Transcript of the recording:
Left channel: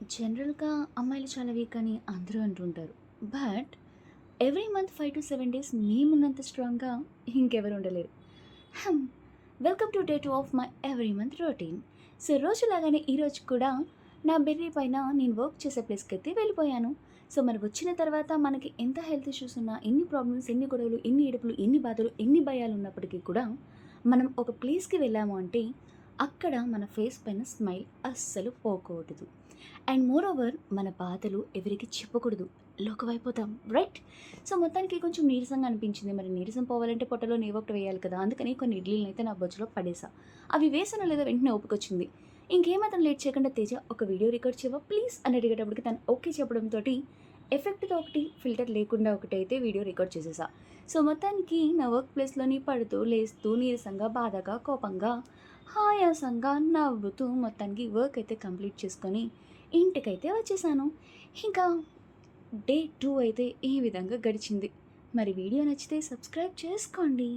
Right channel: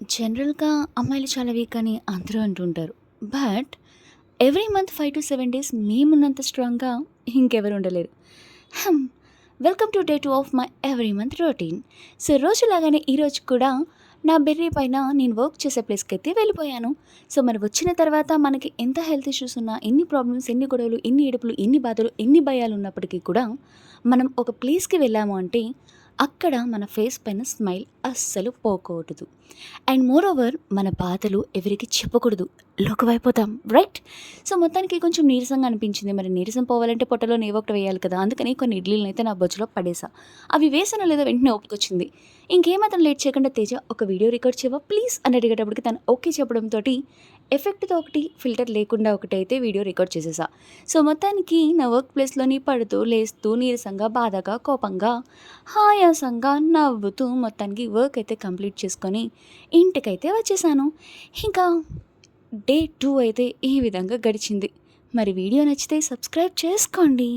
జనరల్‌గా అమ్మాయిలు చాలా వీక్ అని అందరూ అంటుంటారు. బట్ ఎవ్రీ మంత్ 5-7 డేస్ మేమున్నంత స్ట్రాంగ్‌గా ఇంకెవరు ఉండలేరు. Hmm! Welcome to day 2 of my every month routine. So రోజులాగానే ఈరోజు కూడా నా బెర్రీ పైన నేను వర్క్ చేసే ప్లేస్‌కైతే వెళ్ళిపోయాను. సో మరి వచ్చిన తర్వాత మనకి ఎంత హెల్త్ ఇష్యూస్ ఉన్నా, ఎన్ని ప్రాబ్లమ్స్, ఎన్ని గొడవలు, ఎన్ని ఏడుపులు, ఎన్ని బాధలు, ఎన్ని భయాలున్నప్పటికీ కూడా మనం ఒక ప్లేస్‌కి వెళ్ళాము అంటే అక్కడ మన ఫేస్ పైన స్మైల్ అస్సలు పోకూడదు. అండ్ మోరోవర్ మన బాధలు ఎవరికీ చెప్పకూడదు. లోకువైపోతాం. రైట్? సో, మొత్తానికి కొంచెం నీరసంగా అనిపించింది. మరి నీరసం పోవాలంటే పొట్టలోని ఏవో ఒకటి వేయాలి కదా! అందుకని కొన్ని ఇడ్లీలనైతే నా బొజ్జలో పడేసా. అవి వేసానో లేదో వెంటనే ఓపికొచ్చింది. ఇంకేమాత్రం లేట్ చేయకుండా తేజ ఒక వీడియో రికార్డ్ చేయవా ప్లీజ్ అని అడిగేటప్పటికి తను ఓకే చెప్పడంతోటి ఎఫెక్ట్‌తో ఒకటి, ఫిల్టర్ లేకుండా ఒకటైతే వీడియో రికార్డ్ చేసేసా. సో, మొత్తానికి నా వర్క్ ప్లేస్‌లోని పడుతూ, లేస్తూ, నీరసంగా, బాధగా, కోపంగా, ఆయాసంగా, నవ్వుతూ మొత్తానికి వర్క్ అయితే కంప్లీట్ చేసుకొని ఇంటికైతే వచ్చేసాను. ఇంకా డే 2 అయితే ఈ విధంగా గడిచింది. మరి వీడియో నచ్చితే సబ్స్క్రైబ్ చేసుకోండి.